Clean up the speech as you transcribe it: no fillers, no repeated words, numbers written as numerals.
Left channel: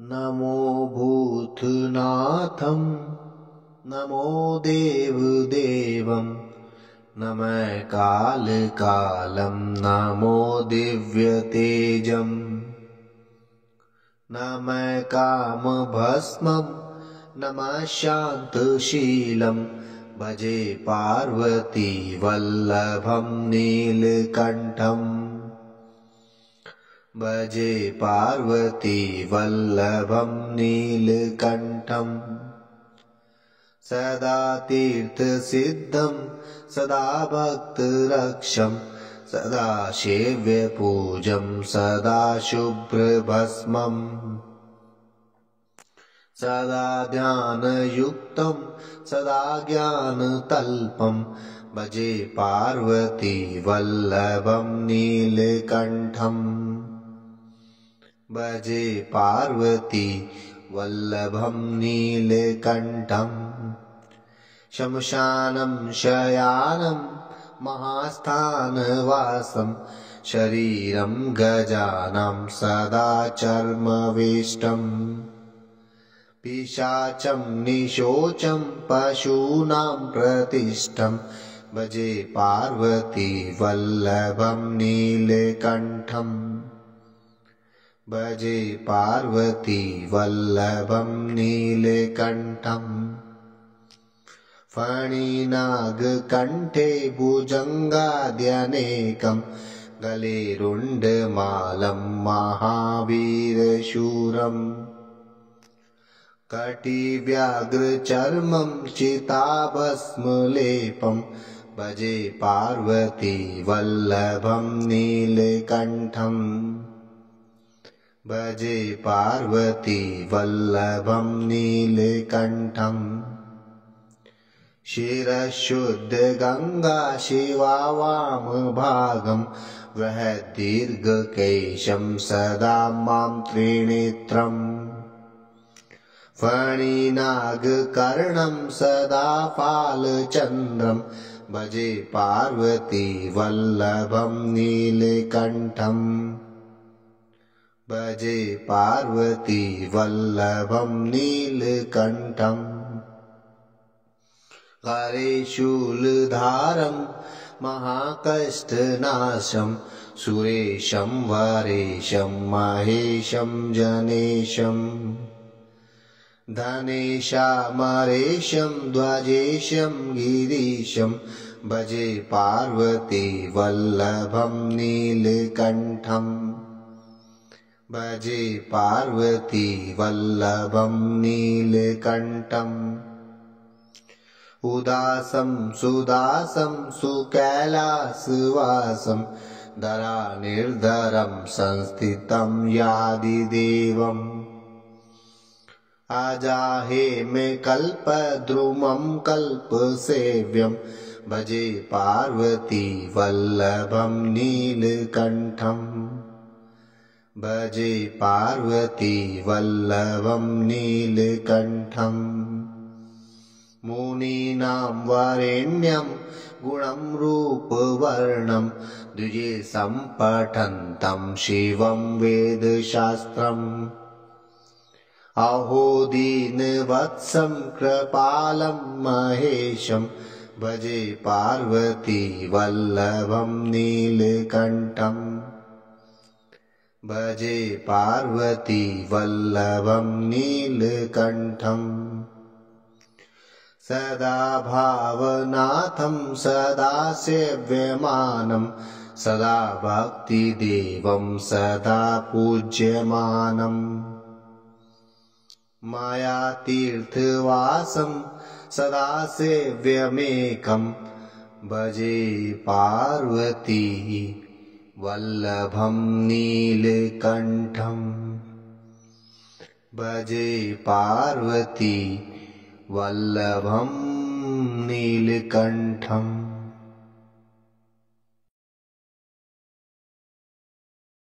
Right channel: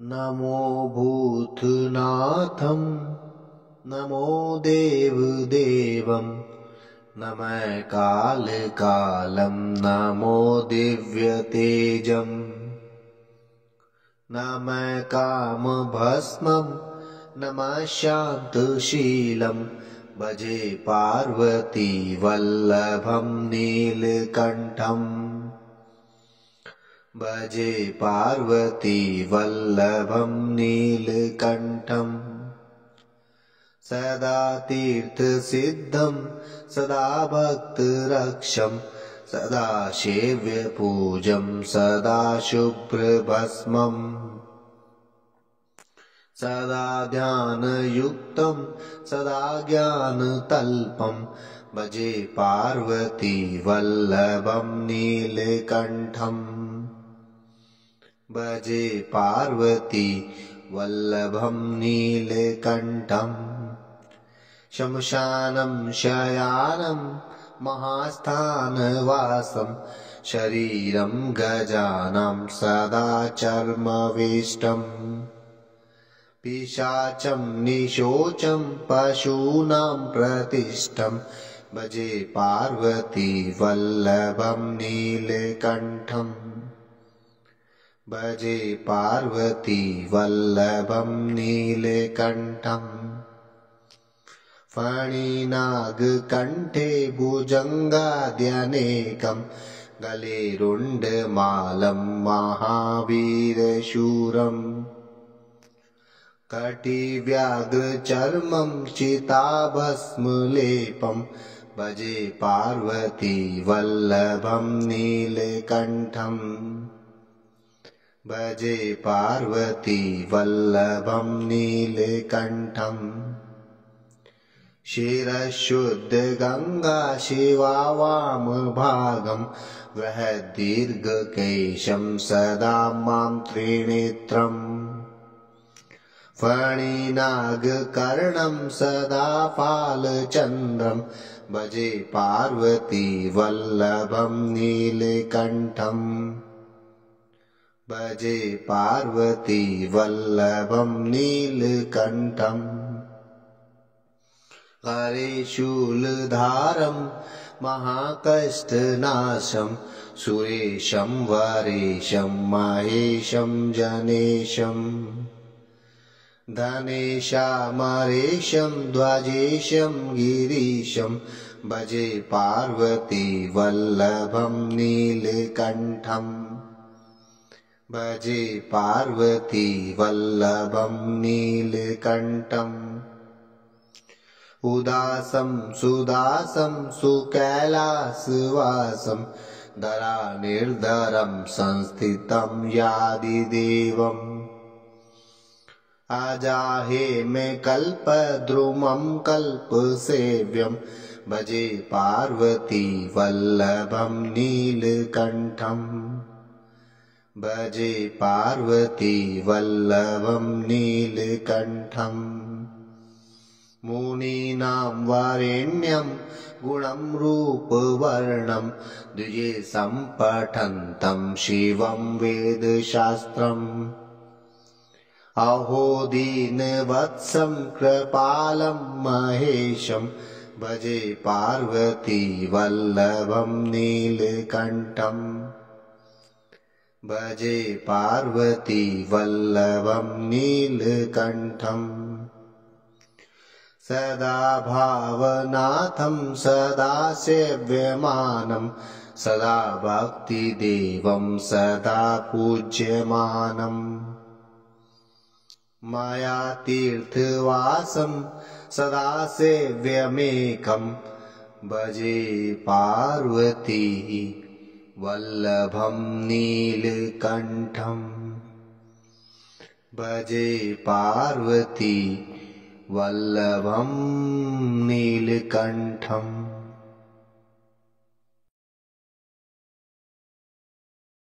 नमो भूतनाथं नमो देवदेवं नमः कालकालं नमो दिव्यतेजं नमः कामभस्मं नमः शान्तशीलं भजे पार्वती वल्लभं नीलकण्ठम् भजे पार्वती वल्लभं नीलकण्ठम् सदा तीर्थसिद्धं सदा भक्तरक्षं सदा सेव्यपूजं सदा शुभ्रभस्मम् सदा ध्यानयुक्तं सदा ज्ञानतल्पं भजे पार्वती वल्लभं नीलकण्ठम् भजे पार्वती वल्लभं नीलकण्ठम् शमशानं शयानं महास्थानवासं शरीरं गजानां सदा चर्मवेष्टम् पिशाचं निशोचं पशूनां प्रतिष्ठं भजे पार्वती वल्लभं नीलकण्ठम् भजे पार्वती वल्लभं नीलकण्ठम् फणिनागकण्ठे भुजङ्गाद्यनेकं गले रुण्डमालं महावीरशूरम् कटिव्याघ्रचर्मं चिताभस्मलेपं भजे पार्वती वल्लभं नीलकण्ठम् भजे पार्वती वल्लभं नीलकण्ठम् शिरशुद्धगङ्गा शिवा वामभागं बृहद्दीर्घकेशं सदा मां त्रिनेत्रम् फणिनागकर्णं सदा फालचन्द्रं भजे पार्वती वल्लभं नीलकण्ठम् भजे पार्वती वल्लभं नीलकण्ठम् करे शूलधारं महाकष्टनाशं सुरेशं वरेशं महेशं जनेशं धनेशामरेशं ध्वजेशं गिरीशं भजे पार्वती वल्लभं नीलकण्ठम् भजे पार्वती वल्लभं नीलकण्ठम् उदासं सुदासं सुकैलासवासं धरानिर्धरं संस्थितं यादिदेवम् अजाहेमे कल्पद्रुमं कल्पसेव्यं भजे पार्वती वल्लभं नीलकण्ठम् भजे पार्वती वल्लभं नीलकण्ठम् मुनीनां वरेण्यं गुणं रूपवर्णं द्विजे सम्पठन्तं शिवं वेदशास्त्रम् अहो दीनवत्सं कृपालं महेशं भजे पार्वती वल्लभं नीलकण्ठम् भजे पार्वती वल्लभं नीलकण्ठम् सदा भावनाथं सदा सेव्यमानं सदा भक्तिदेवं सदा पूज्यमानम् मया तीर्थवासं सदा सेव्यमेकं भजे पार्वती वल्लभं नीलकण्ठम् भजे पार्वती वल्लभं नीलकण्ठम्।